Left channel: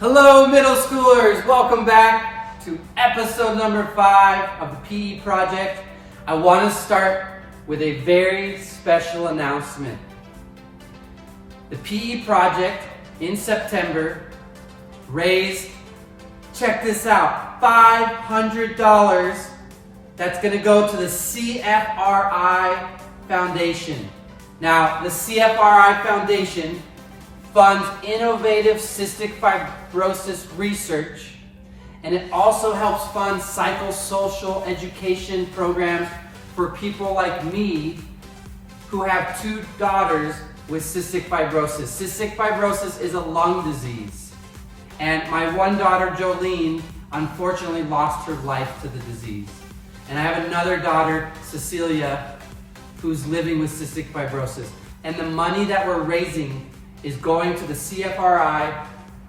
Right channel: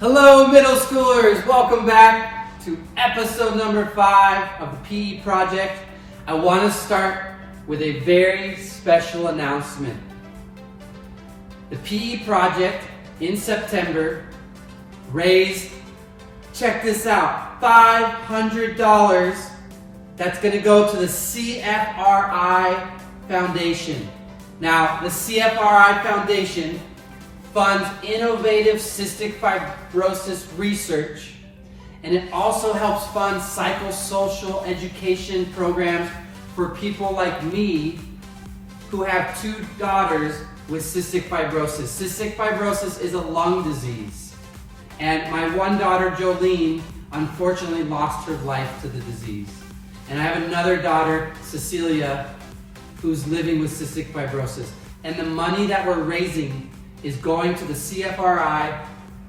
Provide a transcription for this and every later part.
Hello, middle schoolers. Welcome back to episode number 5 of the PE Project. I want to start with a very special announcement. The PE Project in September raised, check this out, $500. That's going to go to the CFRI Foundation. Now, the CFRI Foundation funds innovative cystic fibrosis research, and it also helps fund psychosocial education programs for people like me who have 2 daughters with cystic fibrosis. Cystic fibrosis is a lung disease, and my one daughter, Jolene, unfortunately lost her life to the disease. And I have another daughter, Cecilia, who's living with cystic fibrosis. And the money that we're raising is going to the CFRI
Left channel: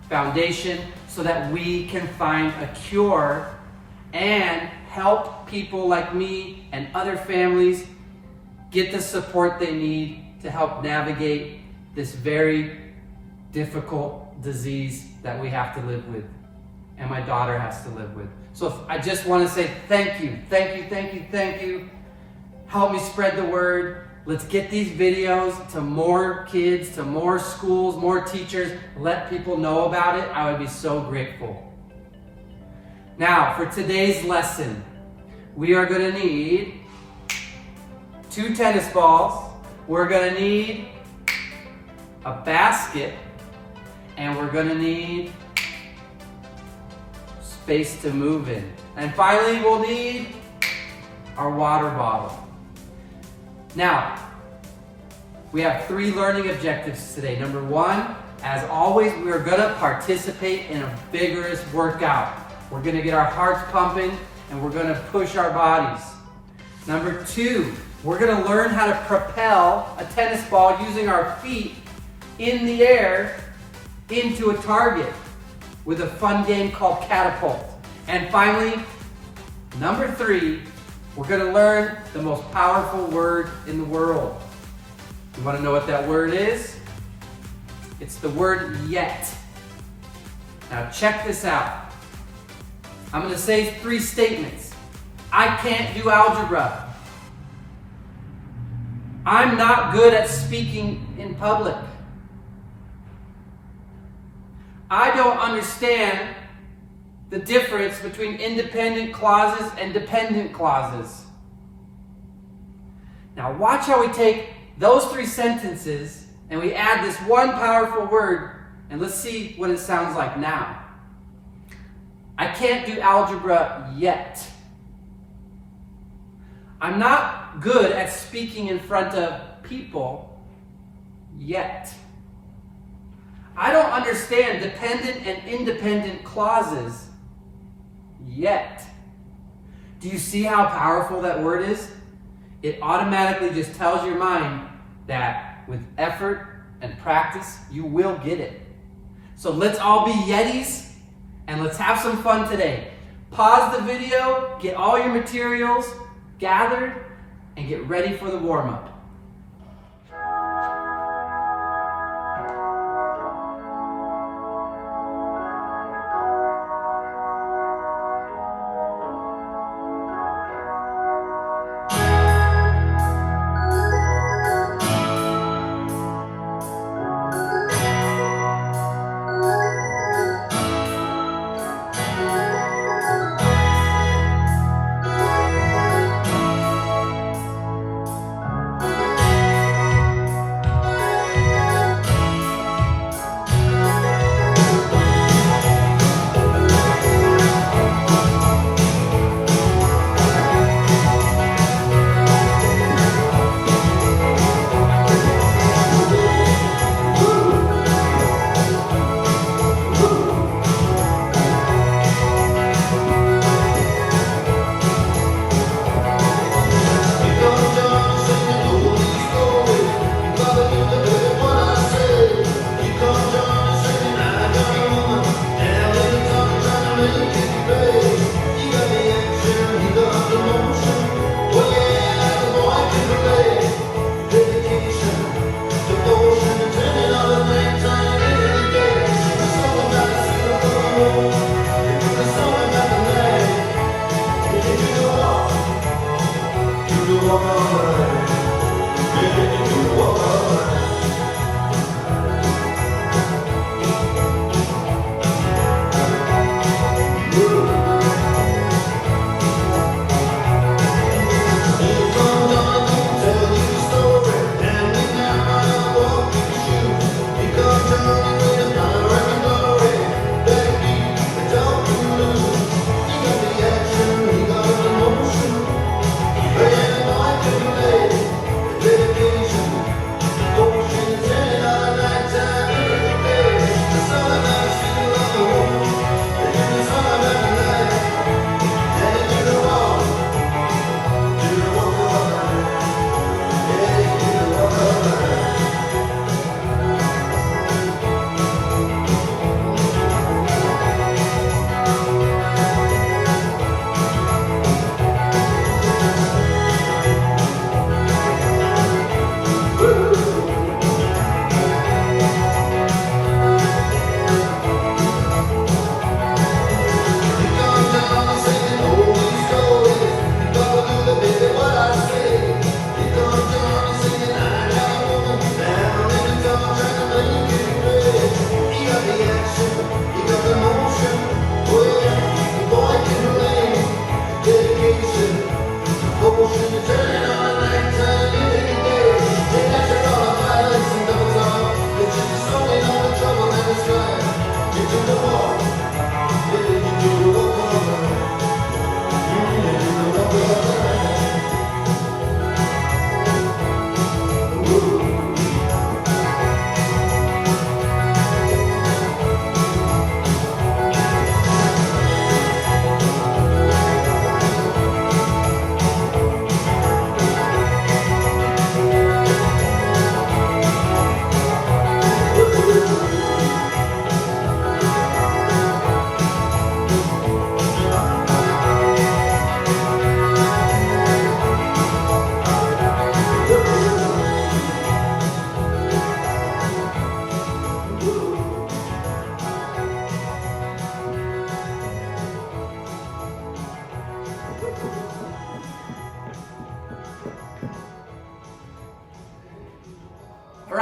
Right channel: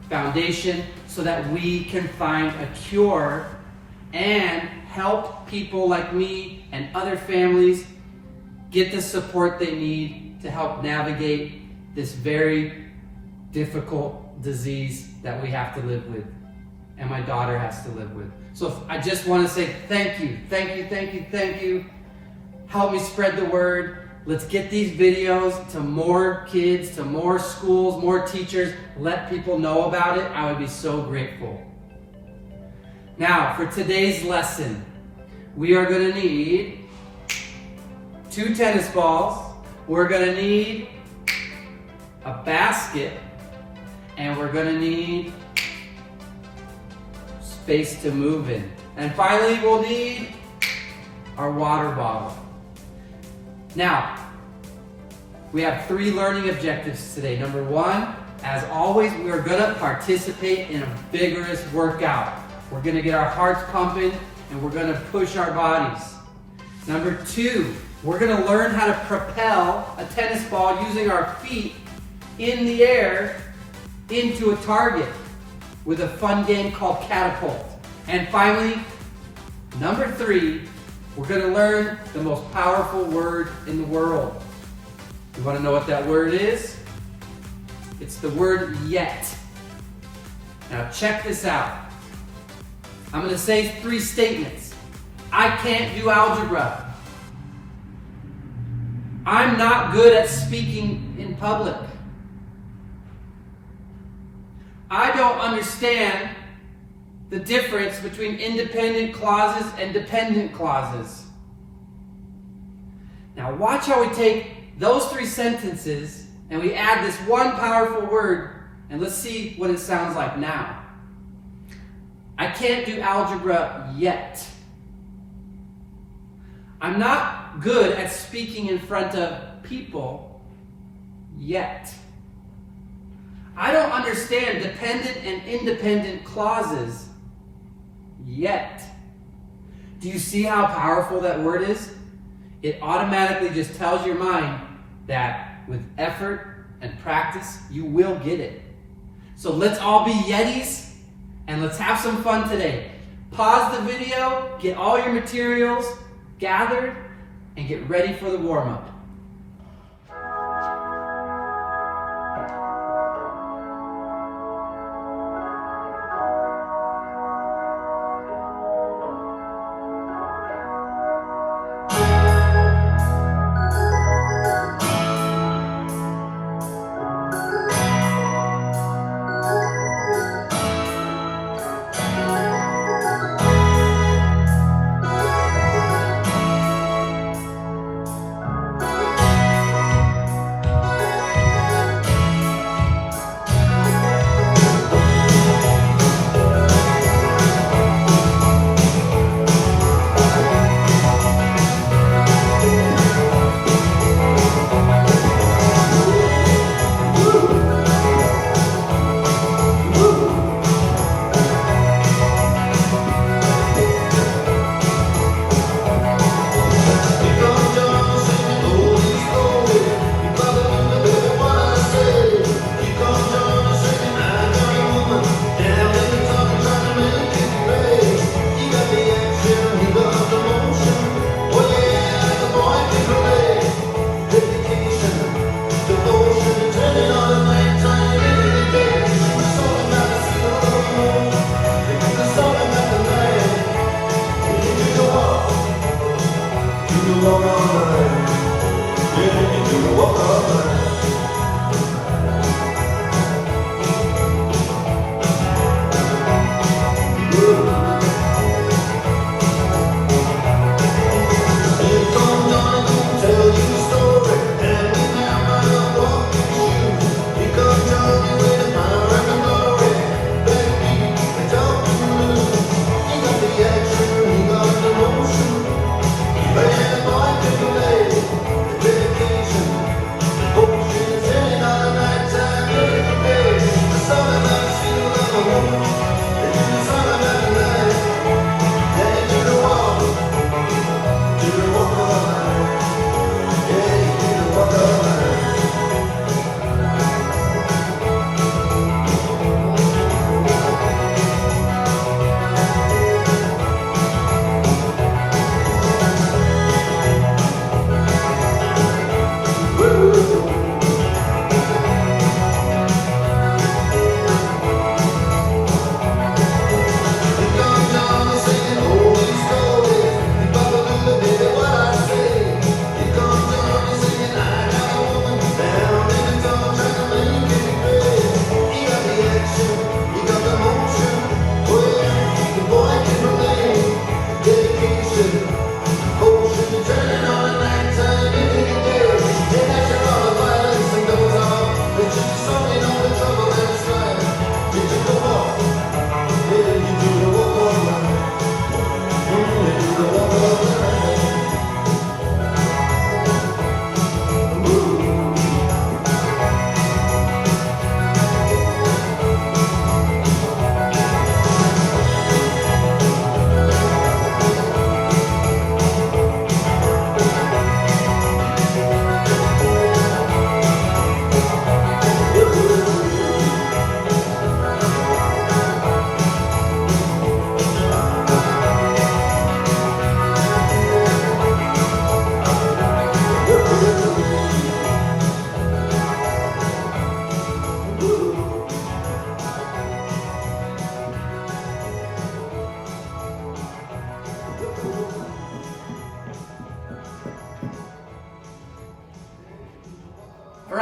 Foundation so that we can find a cure and help people like me and other families get the support they need to help navigate this very difficult disease that we have to live with and my daughter has to live with. So I just want to say thank you. Help me spread the word. Let's get these videos to more kids, to more schools, more teachers. Let people know about it. I would be so grateful. Now, for today's lesson, we are going to need 2 tennis balls. We're going to need a basket. And we're going to need space to move in. And finally, we'll need our water bottle. Now, we have 3 learning objectives today. Number 1, as always, we are going to participate in a vigorous workout. We're going to get our hearts pumping and we're going to push our bodies. Number 2, we're going to learn how to propel a tennis ball using our feet in the air into a target with a fun game called catapult. And finally, number 3, we're going to learn the most powerful word in the world. You want to know what that word is? It's the word yet. Now check this out. I'm going to say 3 statements. I can't do algebra. I'm not good at speaking in public. I don't understand the difference between independent clauses and dependent clauses. Now watch how we take those 3 sentences and we add this one powerful word, and let's see what it sounds like now. I can't do algebra yet. I'm not good at speaking in front of people yet. I don't understand dependent and independent clauses yet. Do you see how powerful that word is? It automatically just tells your mind that with effort and practice, you will get it. So let's all be Yetis and let's have some fun today. Pause the video, get all your materials gathered, and get ready for the warm-up.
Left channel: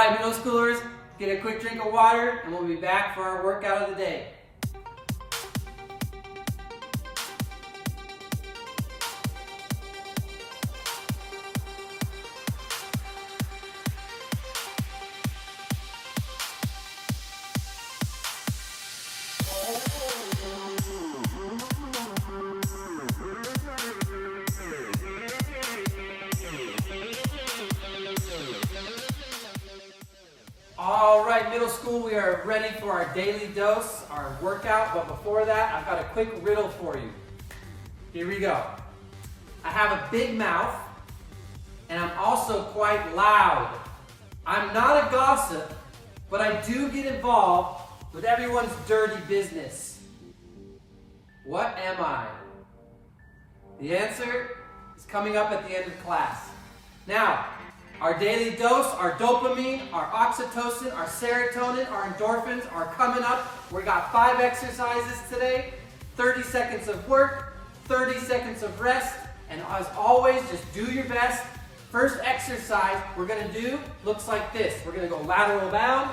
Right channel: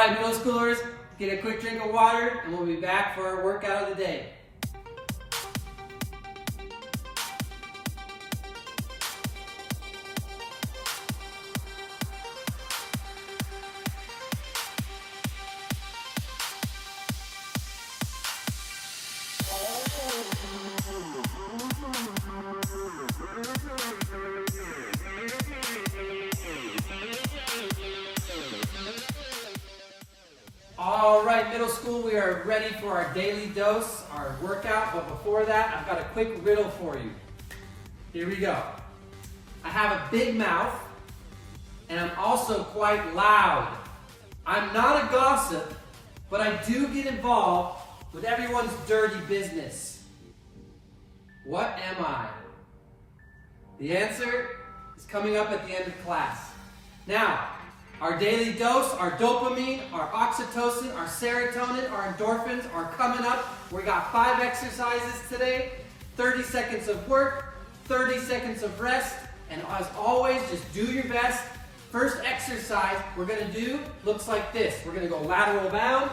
right, middle schoolers, get a quick drink of water and we'll be back for our workout of the day. All right, middle school, we are ready for our daily dose, our workout, but before that, I've got a quick riddle for you. Here we go. I have a big mouth, and I'm also quite loud. I'm not a gossip, but I do get involved with everyone's dirty business. What am I? The answer is coming up at the end of class. Now, our daily dose, our dopamine, our oxytocin, our serotonin, our endorphins are coming up. We got 5 exercises today, 30 seconds of work, 30 seconds of rest, and as always, just do your best. First exercise we're gonna do looks like this. We're gonna go lateral bound,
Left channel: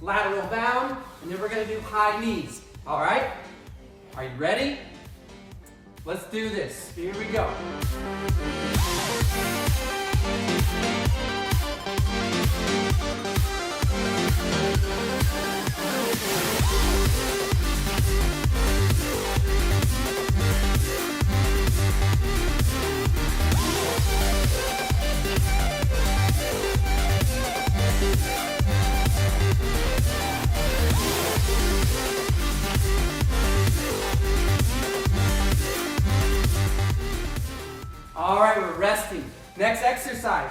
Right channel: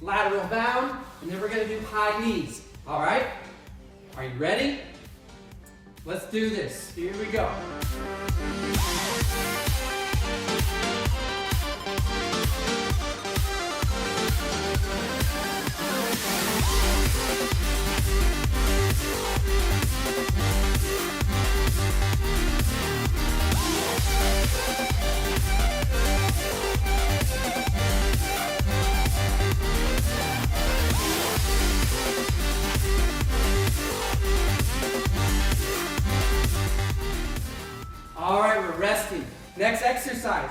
and then we're gonna do high knees. All right? Are you ready? Let's do this. Here we go. All right, we're resting. Next exercise.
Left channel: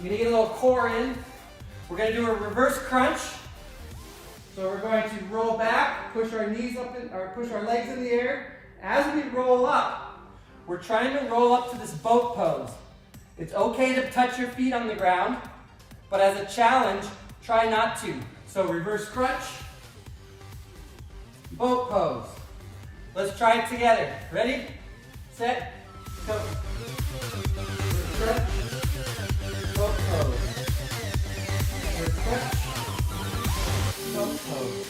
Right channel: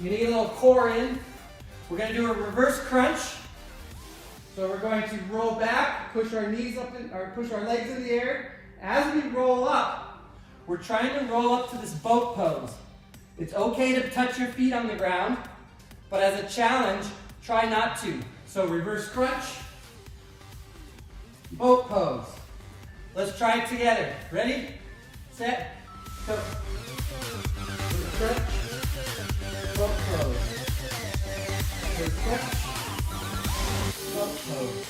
You need a little core in. We're going to do a reverse crunch. So we're going to roll back, push our knees up, or push our legs in the air. As we roll up, we're trying to roll up to this boat pose. It's okay to touch your feet on the ground, but as a challenge, try not to. So reverse crunch, boat pose. Let's try it together. Ready, set, go. Reverse crunch, boat pose. Reverse crunch, boat pose.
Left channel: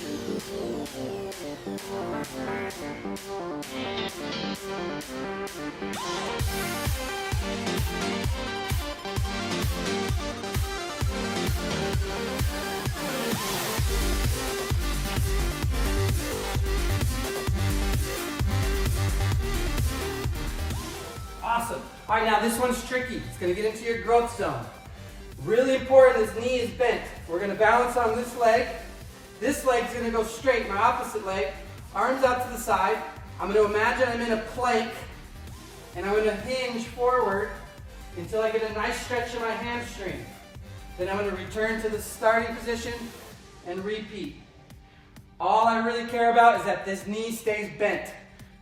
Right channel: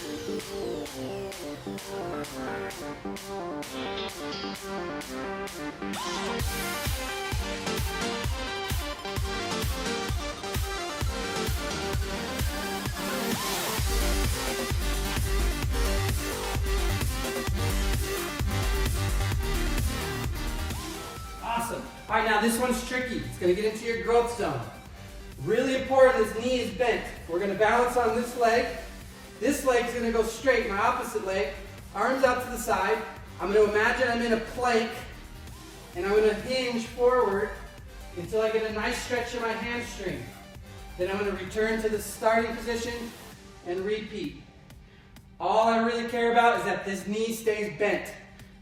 Awesome. All right, now this one's tricky. It's going to get into your growth zone. Really important, this knee is bent. We're going to balance on this leg. This leg's going to go straight, my opposite leg. Arms out to the side. I'm going to imagine I'm in a plank, and I'm going to hinge forward until I get a nice stretch in my hamstring. Then I'm going to return to the starting position and repeat. All I really care about is that this knee stays bent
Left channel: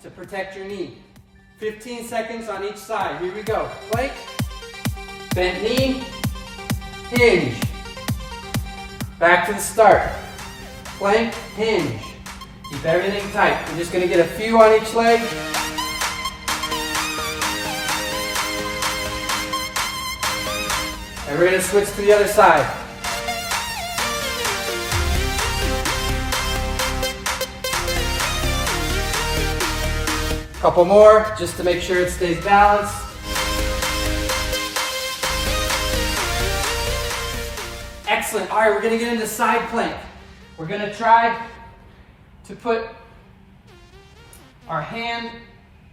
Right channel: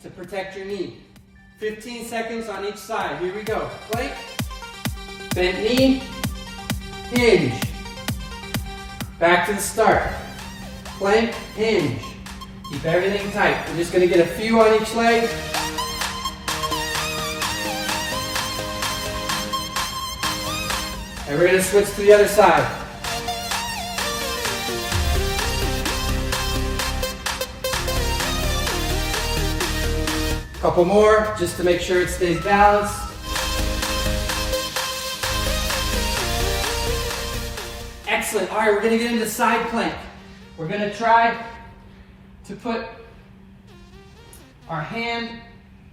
to protect your knee. 15 seconds on each side. Here we go. Plank, bent knee, hinge. Back to the start. Plank, hinge. Keep everything tight. We're just going to get a few on each leg. And we're going to switch to the other side. Couple more, just to make sure it stays balanced. Excellent. All right, we're going to get into side plank. We're going to try to put our hand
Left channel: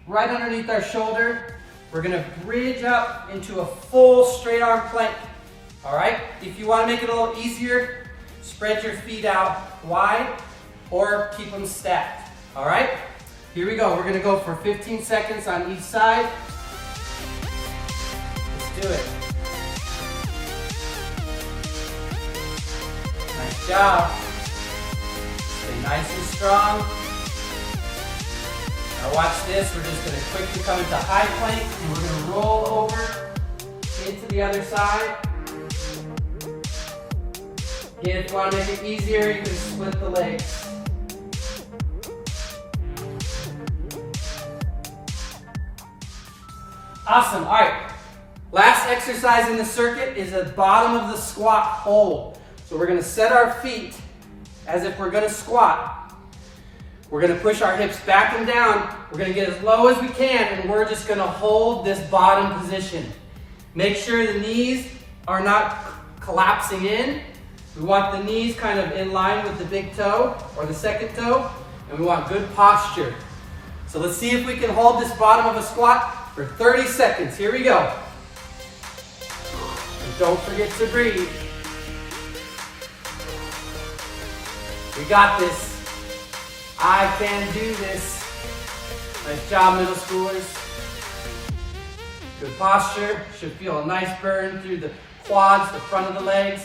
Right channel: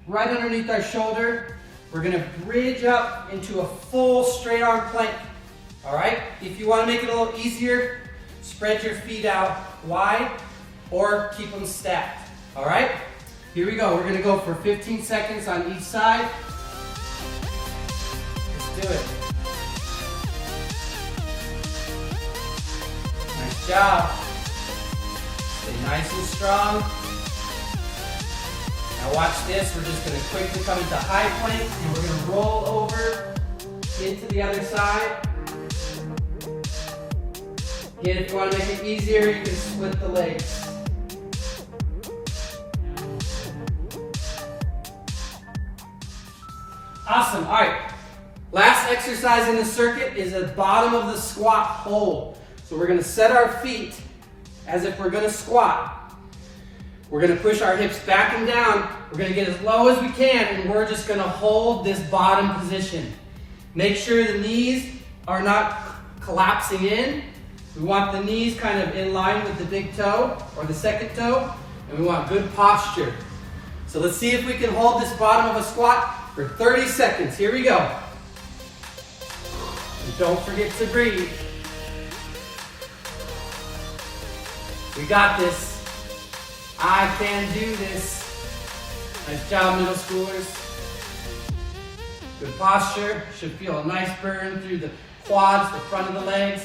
right underneath our shoulder. We're going to bridge up into a full straight arm plank. All right? If you want to make it a little easier, spread your feet out wide or keep them stacked. All right? Here we go. We're going to go for 15 seconds on each side. Let's do it. Nice job. Stay nice and strong. Now watch this. We're just going to quickly come into high plank and we're going to roll over into the other side. Again, if you want to make it easier, you can split the legs. Awesome. All right. Last exercise in the circuit is the bottom of the squat hold. So we're gonna set our feet as if we're gonna squat. We're gonna push our hips back and down. We're gonna get as low as we can, and we're just gonna hold this bottom position. Make sure the knees are not collapsing in. We want the knees kind of in line with the big toe or the second toe, and we want good posture. So let's see if we can hold this bottom of a squat for 30 seconds. Here we go. And don't forget to breathe. We got this. I can do this. Nice job, middle schoolers. Good posture. Should feel a nice burn through the quads, the front of the legs.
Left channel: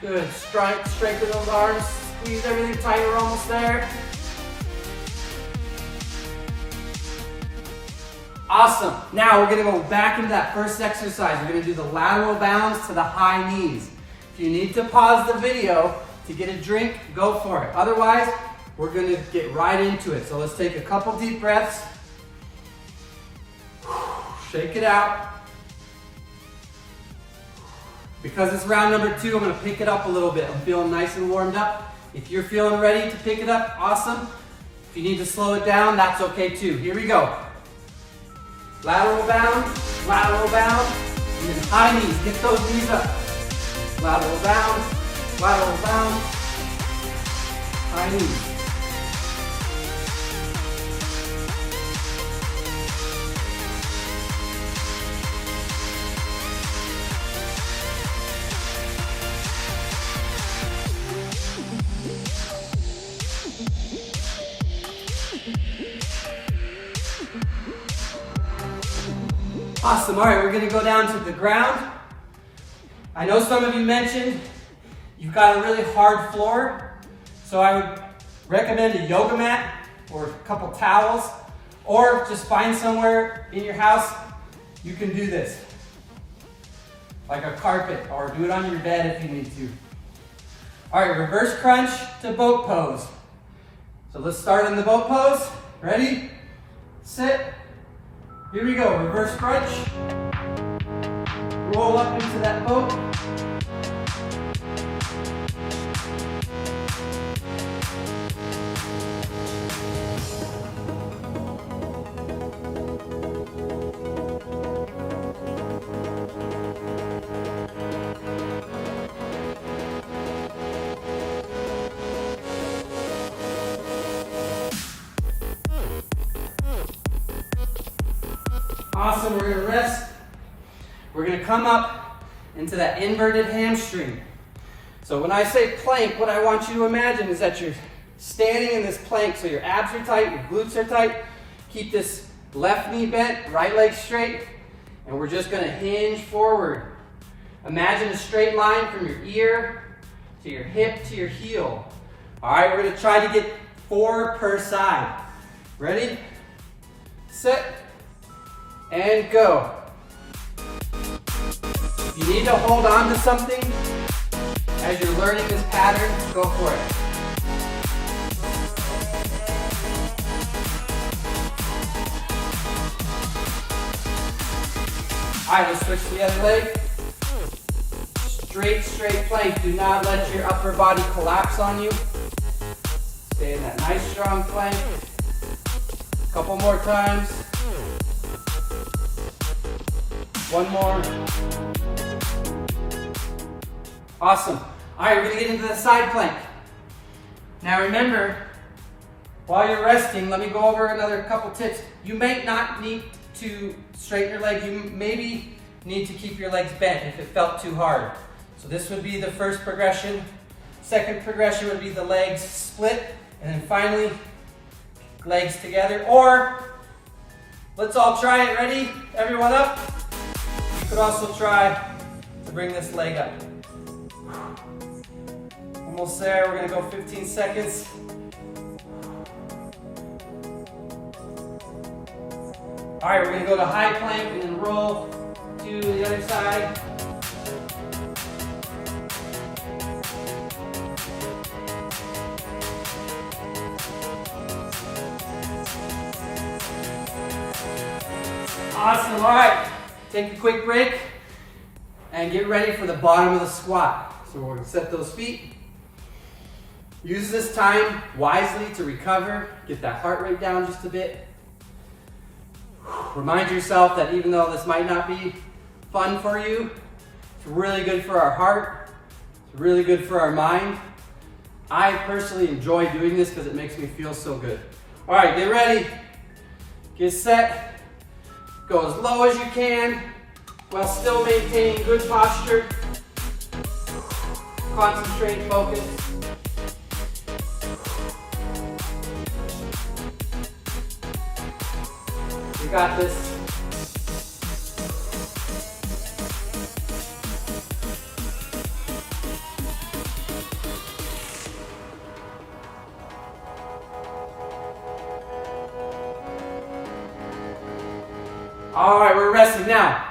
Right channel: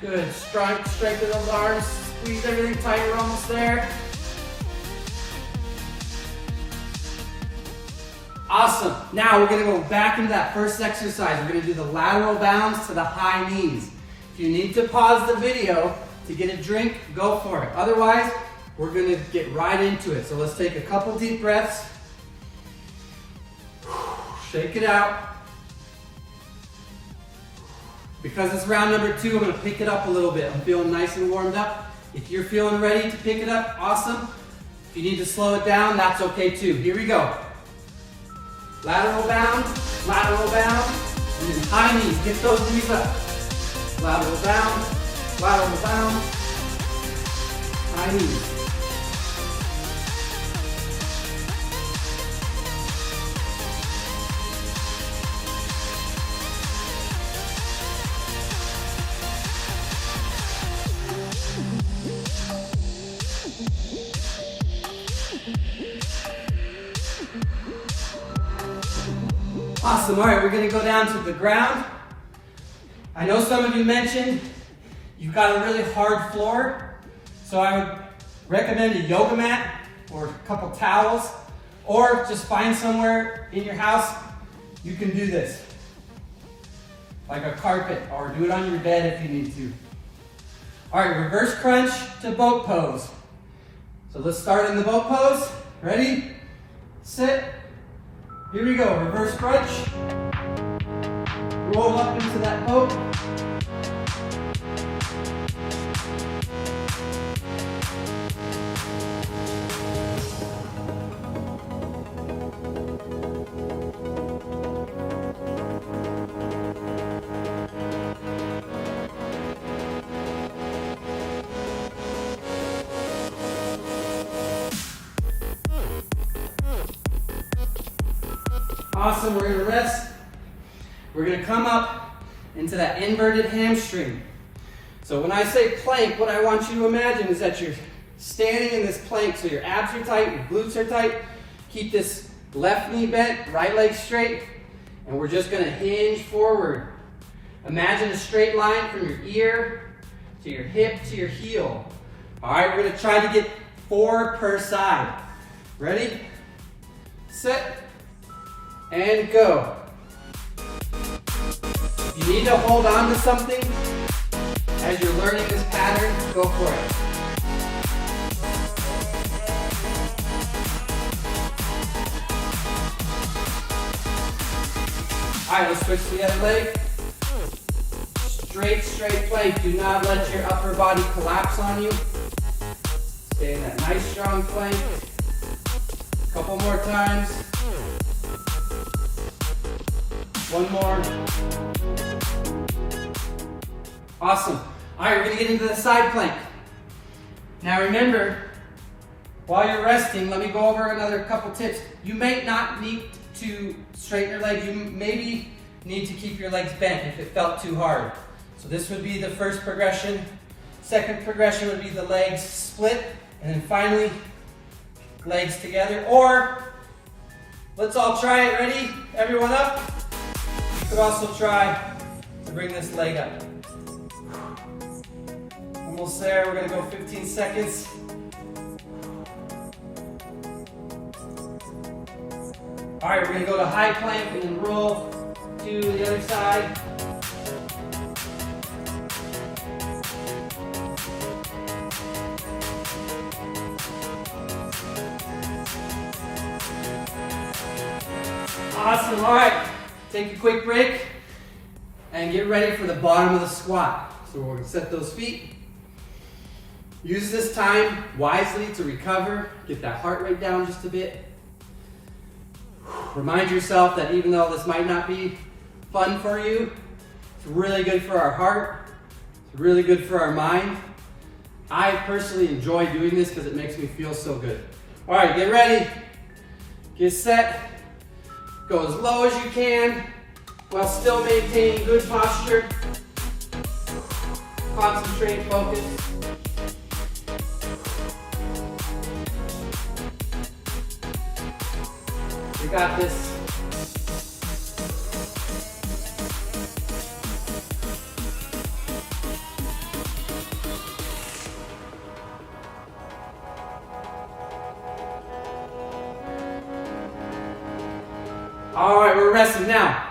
Good. Strengthen those arms. Squeeze everything tight. We're almost there. Awesome. Now we're going to go back into that first exercise. We're going to do the lateral bounds to the high knees. If you need to pause the video to get a drink, go for it. Otherwise, we're going to get right into it. So let's take a couple deep breaths. Shake it out. Because it's round number 2, I'm going to pick it up a little bit. I'm feeling nice and warmed up. If you're feeling ready to pick it up, awesome. If you need to slow it down, that's okay too. Here we go. Lateral bound, and then high knees. Get those knees up. Lateral bound, high knees. Awesome. All right, we're going to go down to the ground. I know some of you mentioned you've got a really hard floor, so I would recommend a yoga mat or a couple towels, or just find somewhere in your house you can do this, like a carpet, or do it on your bed if you need to. All right, reverse crunch to boat pose. So let's start in the boat pose. Ready? Sit. Here we go, reverse crunch. Roll up into that boat. Awesome, we're gonna rest. We're gonna come up into that inverted hamstring. So when I say plank, what I want you to imagine is that you're standing in this plank, so your abs are tight, your glutes are tight. Keep this left knee bent, right leg straight, and we're just gonna hinge forward. Imagine a straight line from your ear to your hip to your heel. All right, we're gonna try to get 4 per side. Ready? Set. And go. If you need to hold on to something as you're learning this pattern, go for it. All right, let's switch to the other leg. Straight plank. Do not let your upper body collapse on you. Stay in that nice strong plank. A couple more times. One more. Awesome. All right, we're gonna get into the side plank. Now remember, while you're resting, let me go over another couple tips. You may not need to straighten your legs. You maybe need to keep your legs bent if it felt too hard. So this would be the first progression. Second progression would be the legs split, and then finally, legs together. Or, let's all try it. Ready? Everyone up? You could also try to bring this leg up. Almost there. We're going to go 15 seconds. All right, we're going to go to high plank and then roll to the other side. Awesome. All right. take a quick break and get ready for the bottom of the squat. So we're gonna set those feet. Use this time wisely to recover, get that heart rate down just a bit. Remind yourself that even though this might not be fun for you, it's really good for our heart, it's really good for our mind. I personally enjoy doing this because it makes me feel so good. All right, get ready, get set, go as low as you can while still maintaining good posture. Concentrate, focus. You got this. All right, we're resting now.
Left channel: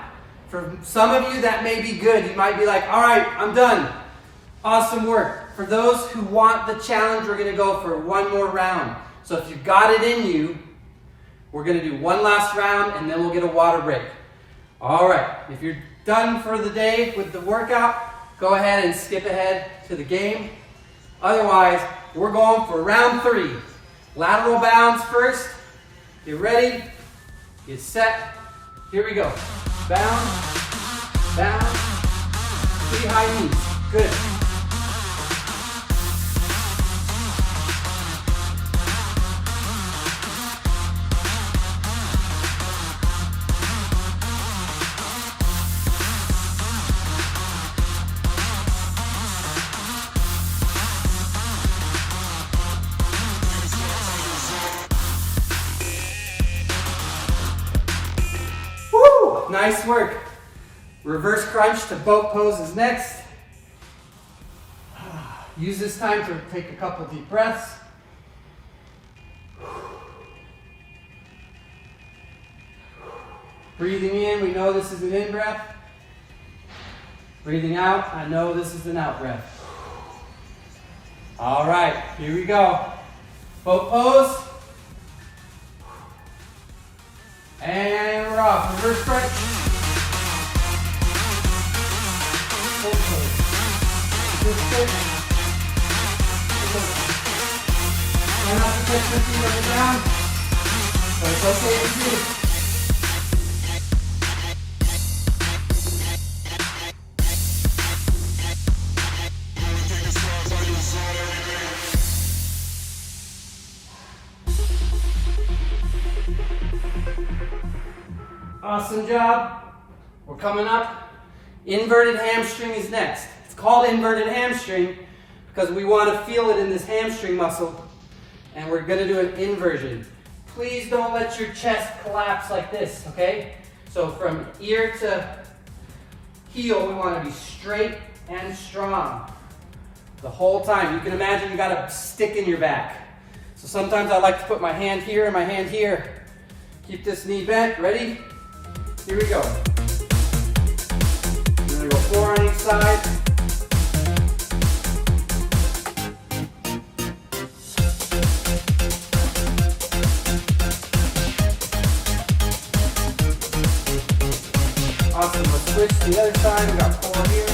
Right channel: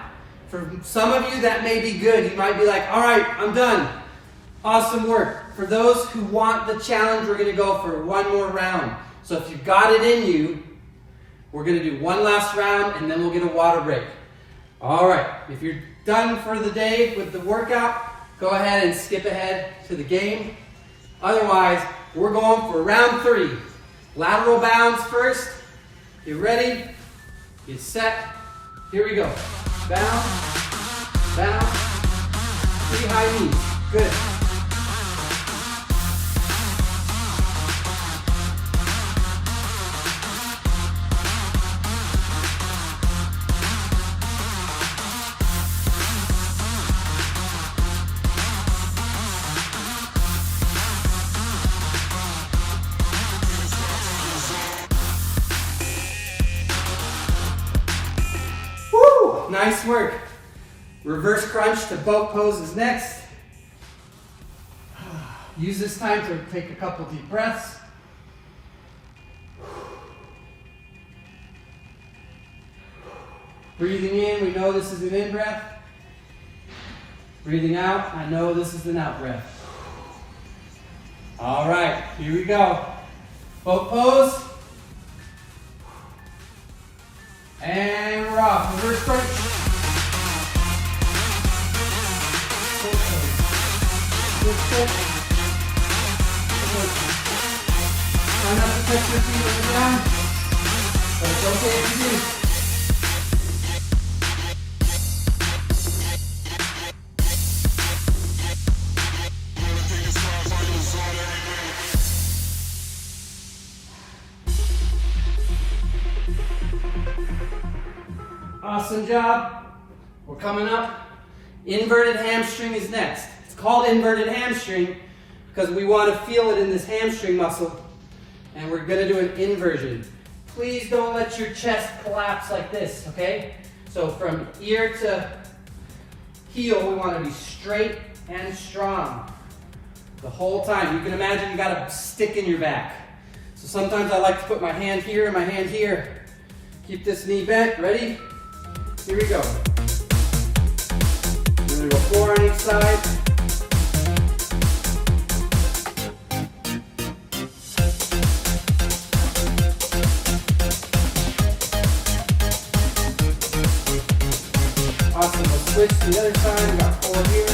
For some of you, that may be good. You might be like, all right, I'm done. Awesome work. For those who want the challenge, we're going to go for one more round. So if you've got it in you, we're going to do one last round and then we'll get a water break. All right, if you're done for the day with the workout, go ahead and skip ahead to the game. Otherwise, we're going for round 3. Lateral bounds first. Get ready. Get set. Here we go. Bound, bound, 3 high knees. Good. Nice work. Reverse crunch to boat pose is next. Use this time to take a couple deep breaths. Breathing in, we know this is an in breath. Breathing out, I know this is an out breath. All right, here we go. Boat pose. And we're off. Reverse crunch. Try not to touch your feet on the ground, but it's okay if you do. Awesome job. We're coming up. Inverted hamstring is next. It's called inverted hamstring because we want to feel it in this hamstring muscle, and we're going to do an inversion. Please don't let your chest collapse like this, okay? So from ear to heel, we want to be straight and strong the whole time. You can imagine you got a stick in your back. So sometimes I like to put my hand here and my hand here. Keep this knee bent. Ready? Here we go. We're going to go 4 on each side. Awesome. Let's switch to the other side. We got 4 here.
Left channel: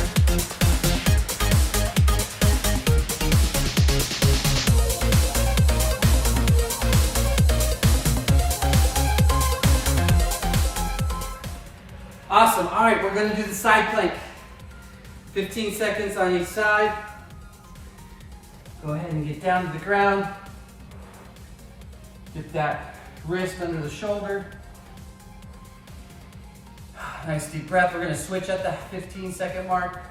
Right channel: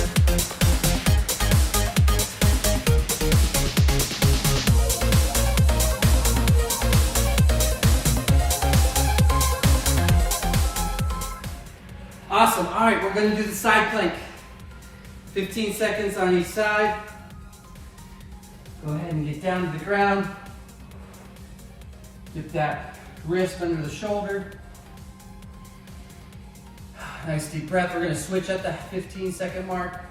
Awesome. All right, we're going to do the side plank. 15 seconds on each side. Go ahead and get down to the ground. Get that wrist under the shoulder. Nice deep breath. We're going to switch at the 15-second mark.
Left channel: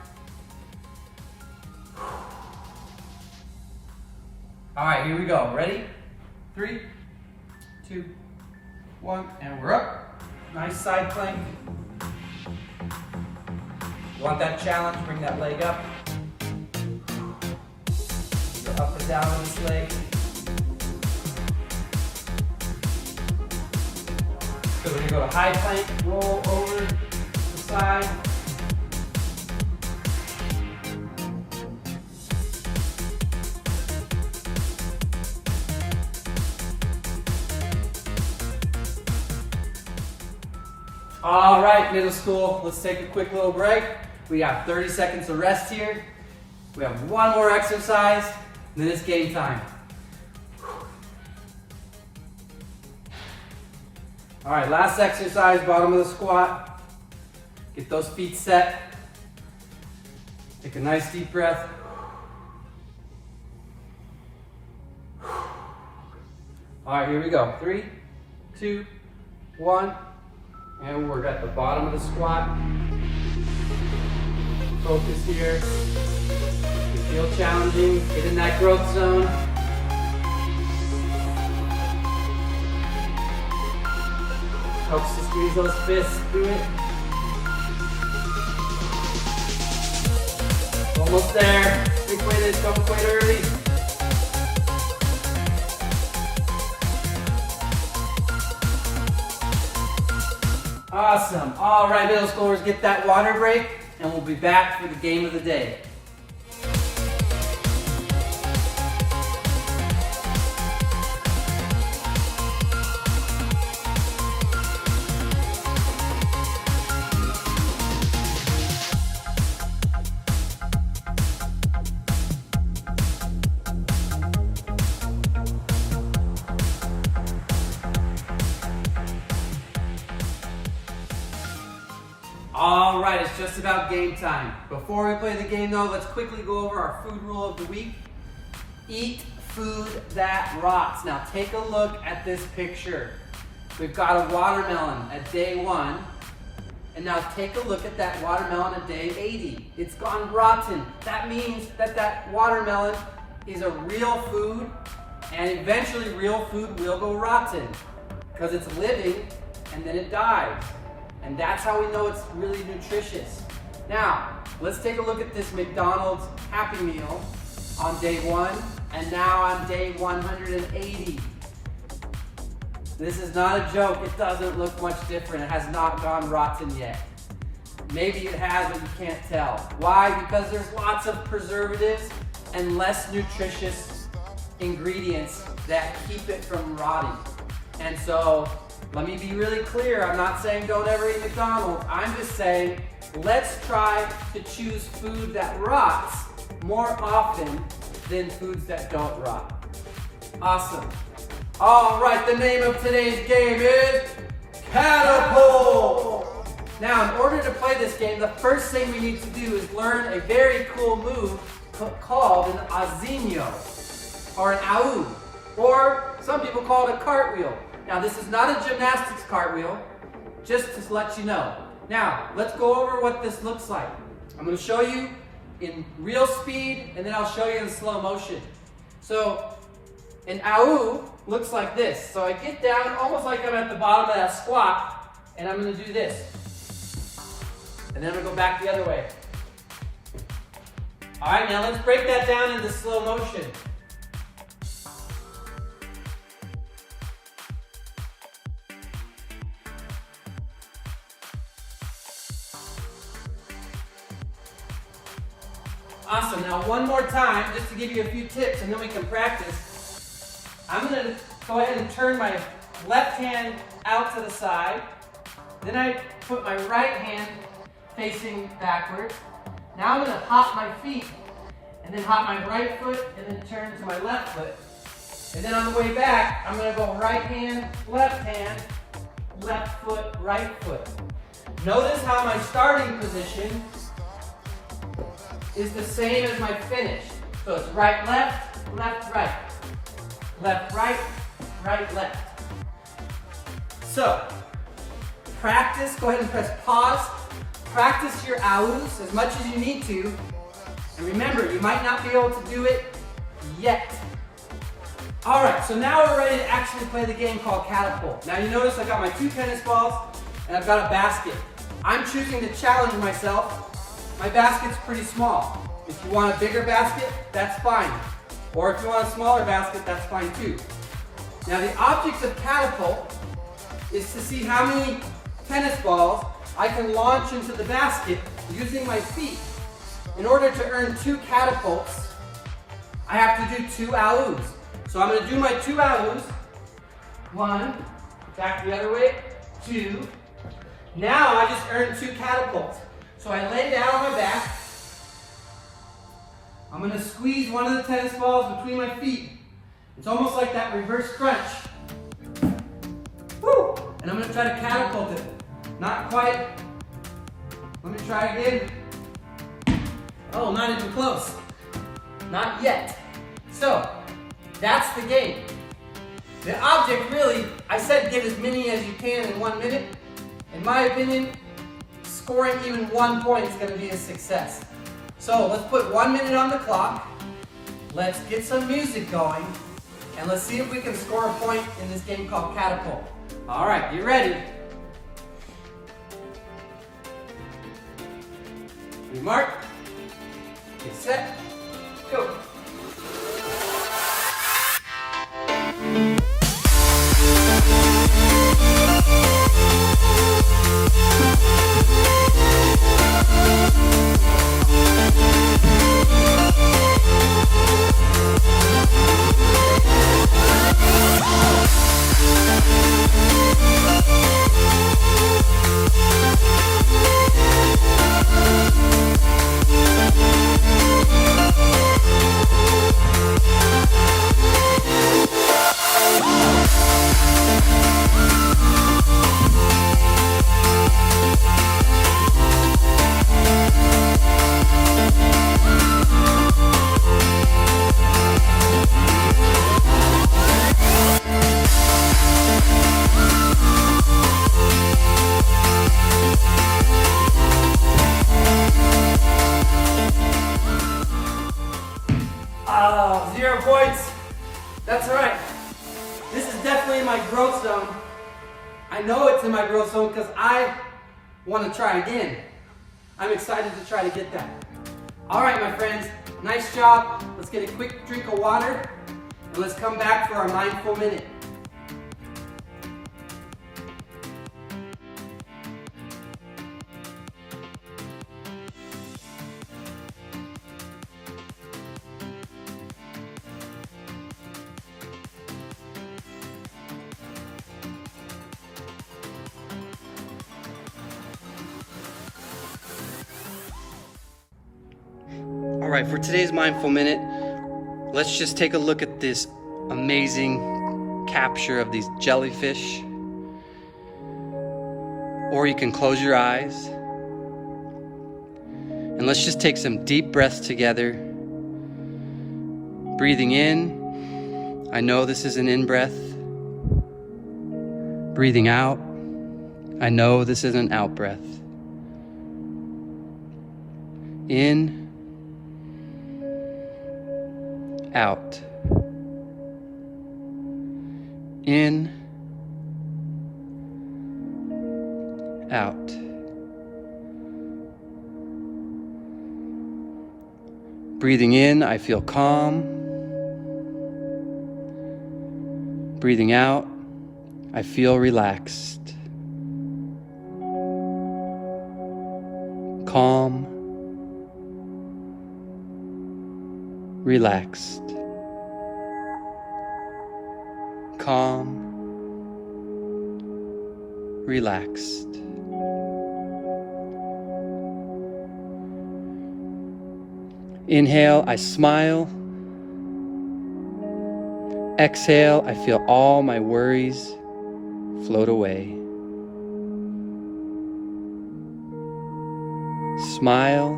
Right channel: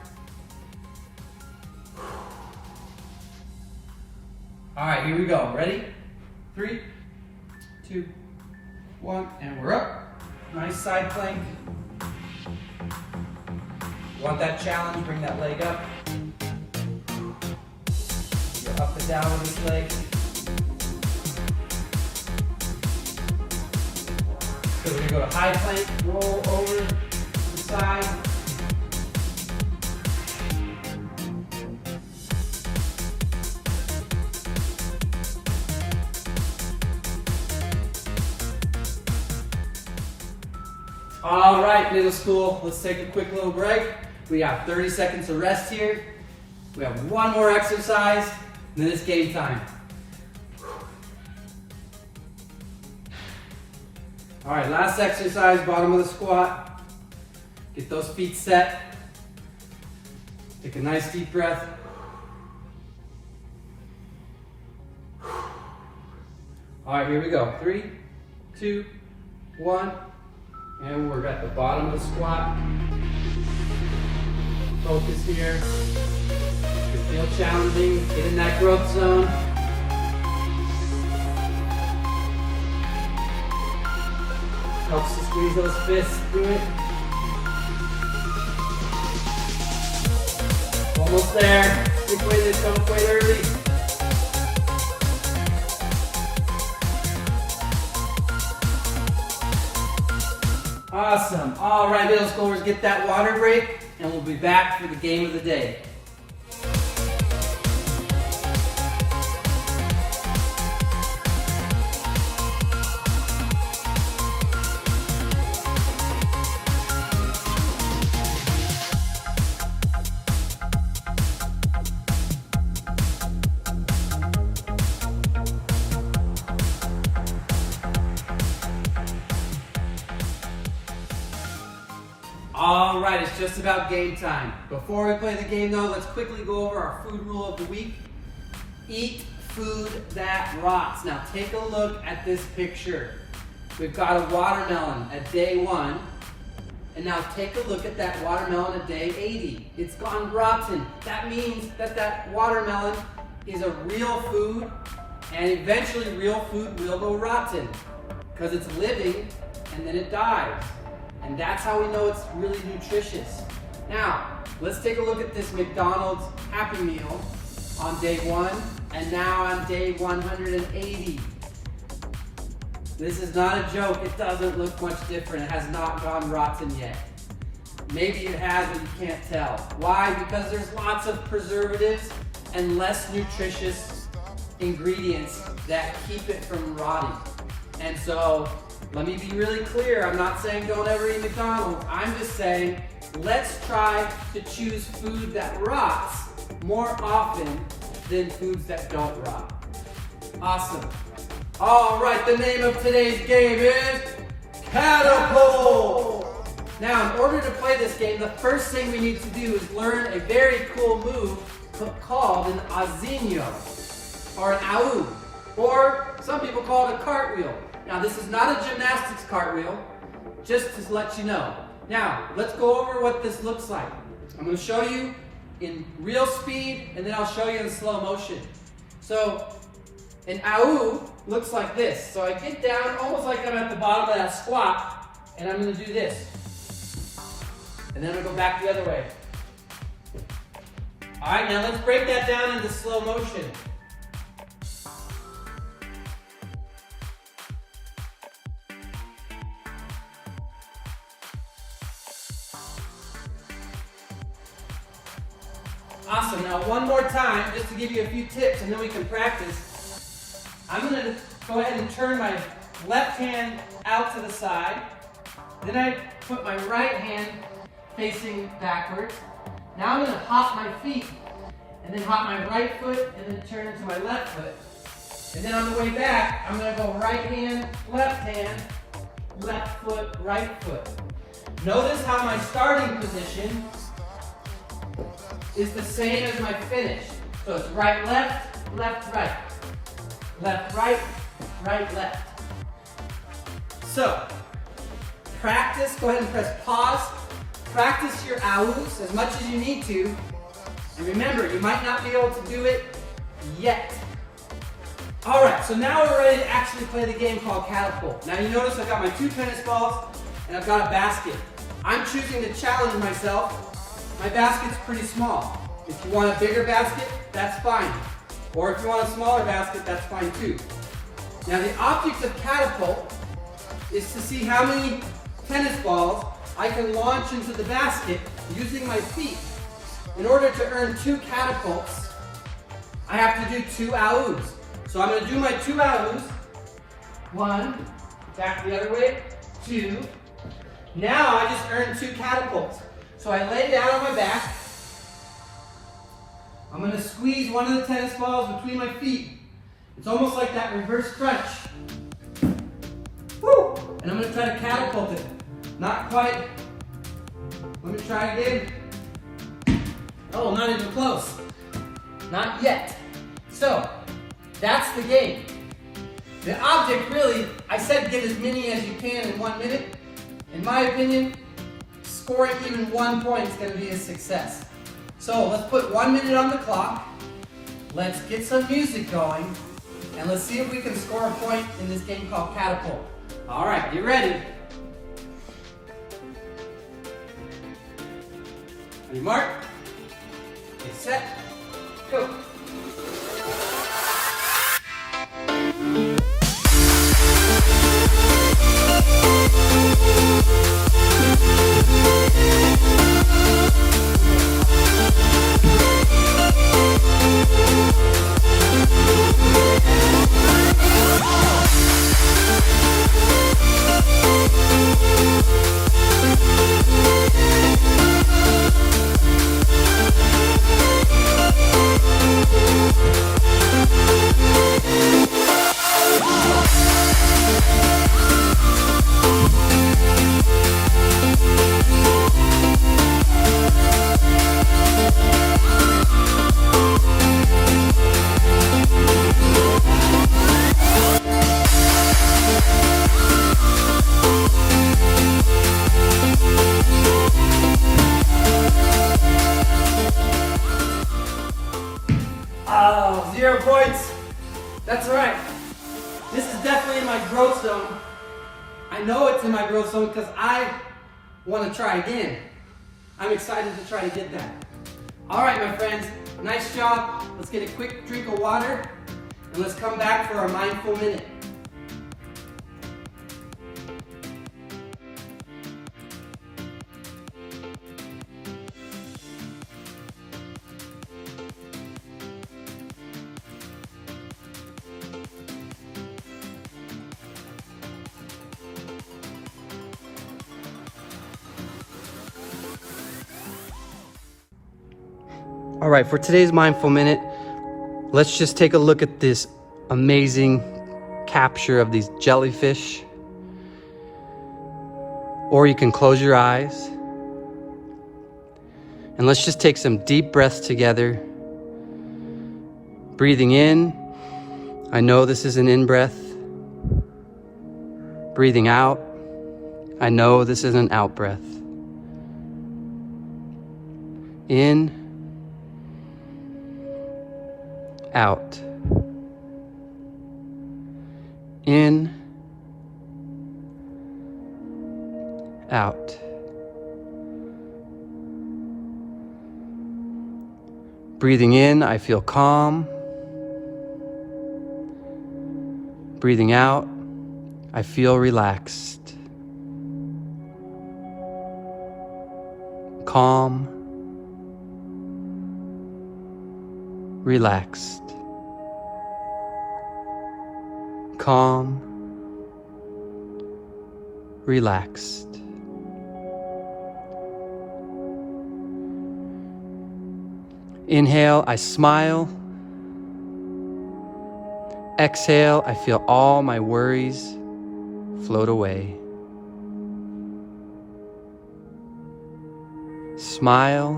All right, here we go. Ready? 3, 2, 1, and we're up. Nice side plank. Want that challenge, bring that leg up. Get up and down with this leg. So we're going to go to high plank, roll over the side. All right, middle school, let's take a quick little break. We got 30 seconds of rest here. We have one more exercise, and then it's game time. All right, last exercise, bottom of the squat. Get those feet set. Take a nice deep breath. All right, here we go. 3, 2, 1. And we're at the bottom of the squat. Focus here. If you feel challenging, get in that growth zone. Helps to squeeze those fists through it. Almost there. Stick with it, don't quit early. Awesome. All right, middle schoolers, get that water break, and we'll be back for the game of the day. All right, it's just about game time. Before we play the game though, let's quickly go over our food rule of the week. Eat food that rots. Now take a look at this picture. We've got a watermelon at day 1. And now take a look at that watermelon at day 80. It's gone rotten. That means that that watermelon is a real food, and eventually real food will go rotten because it's living and then it dies. And that's how we know it's really nutritious. Now, let's take a look at this McDonald's Happy Meal on day 1, and now on day 180. This is not a joke. It doesn't look much different. It has not gone rotten yet. Maybe it has, but you can't tell. Why? Because there's lots of preservatives and less nutritious ingredients that keep it from rotting. And so, let me be really clear. I'm not saying don't ever eat McDonald's. I'm just saying let's try to choose food that rots more often than foods that don't rot. Awesome. All right, the name of today's game is Catapult. Now, in order to play this game, the first thing we need to do is learn a very cool move called an azinho, or an au, or some people call it a cartwheel. Now, this is not a gymnastics cartwheel, just to let you know. Now, let's go over what this looks like. I'm going to show you in real speed, and then I'll show you in slow motion. So, an au looks like this. So I get down almost like I'm at the bottom of that squat, and I'm going to do this. And then I'm going to go back the other way. All right, now let's break that down into slow motion. Awesome. Now one more time, just to give you a few tips, and then we can practice. I'm going to go ahead and turn my left hand out to the side. Then I put my right hand facing backward. Now I'm going to hop my feet, and then hop my right foot, and then turn to my left foot. And then on the way back, I'm going to go right hand, left foot, right foot. Notice how my starting position is the same as my finish. So it's right, left, right. Left, right, left. So, practice, go ahead and press pause. Practice your aus as much as you need to. And remember, you might not be able to do it yet. All right, so now we're ready to actually play the game called Catapult. Now you notice I've got my 2 tennis balls and I've got a basket. I'm choosing to challenge myself. My basket's pretty small. If you want a bigger basket, that's fine. Or if you want a smaller basket, that's fine too. Now the object of Catapult is to see how many tennis balls I can launch into the basket using my feet. In order to earn 2 catapults, I have to do 2 aus. So I'm going to do my 2 aus. 1, back the other way, 2, Now I just earned 2 catapults. So I lay down on my back. I'm gonna squeeze one of the tennis balls between my feet. It's almost like that reverse crunch. Woo! And I'm gonna try to catapult it. Not quite. Let me try again. Oh, not even close. Not yet. So, that's the game. The object really, I said get as many as you can in 1 minute. In my opinion, scoring even 1 point is gonna be a success. So let's put 1 minute on the clock. Let's get some music going. And let's see if we can score a point in this game called Catapult. All right, get ready. Are you marked? Get set, go. Oh, 0 points. That's all right. This is definitely in my growth zone. I know it's in my growth zone because I want to try again. I'm excited to try to get that. All right, my friends, nice job. Let's get a quick drink of water and let's come back for our mindful minute. All right, for today's mindful minute, let's just take a look at this amazing capture of these jellyfish. Or you can close your eyes. And let's just take some deep breaths together. Breathing in, I know this is an in-breath. Breathing out, I know this is an out-breath. In, out. In, out. Breathing in, I feel calm. Breathing out, I feel relaxed. Calm. Relaxed. Calm. Relaxed. Inhale, I smile. Exhale, I feel all my worries float away. Smile.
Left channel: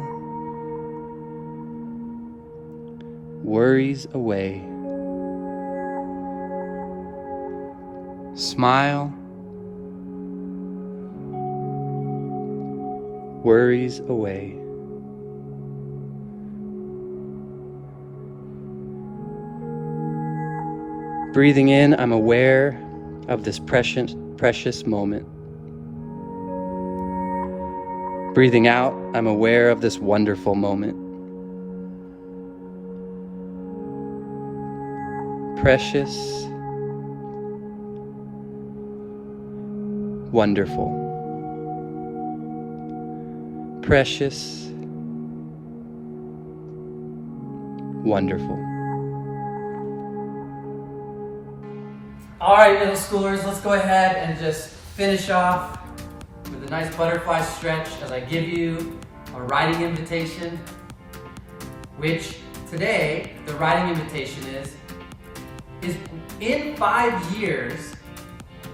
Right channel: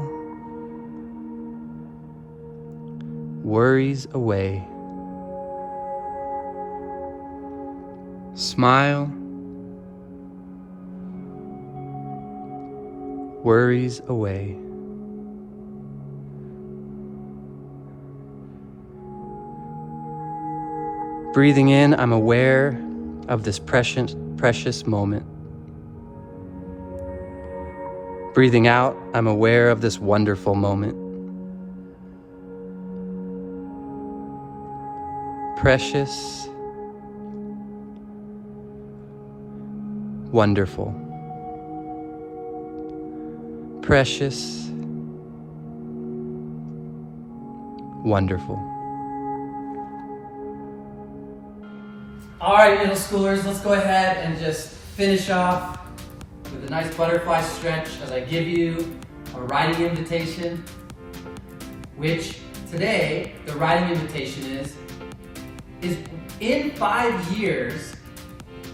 Worries away. Smile. Worries away. Breathing in, I'm aware of this precious moment. Breathing out, I'm aware of this wonderful moment. Precious, wonderful. Precious, wonderful. All right, middle schoolers, let's go ahead and just finish off with a nice butterfly stretch as I give you a writing invitation, which today, the writing invitation is in 5 years,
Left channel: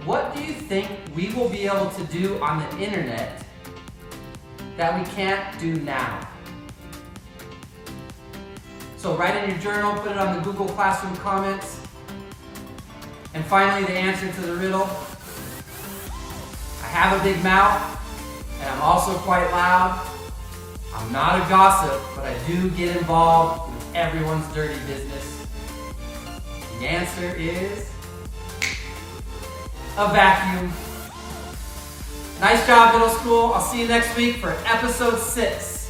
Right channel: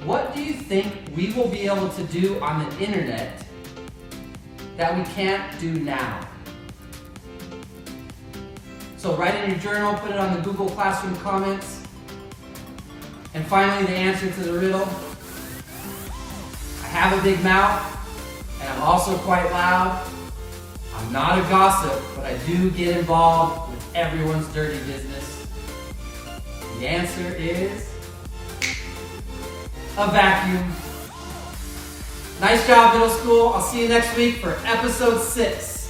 what do you think we will be able to do on the internet that we can't do now? So write in your journal, put it on the Google Classroom comments. And finally, the answer to the riddle. I have a big mouth, and I'm also quite loud. I'm not a gossip, but I do get involved with everyone's dirty business. The answer is a vacuum. Nice job, middle school. I'll see you next week for episode 6.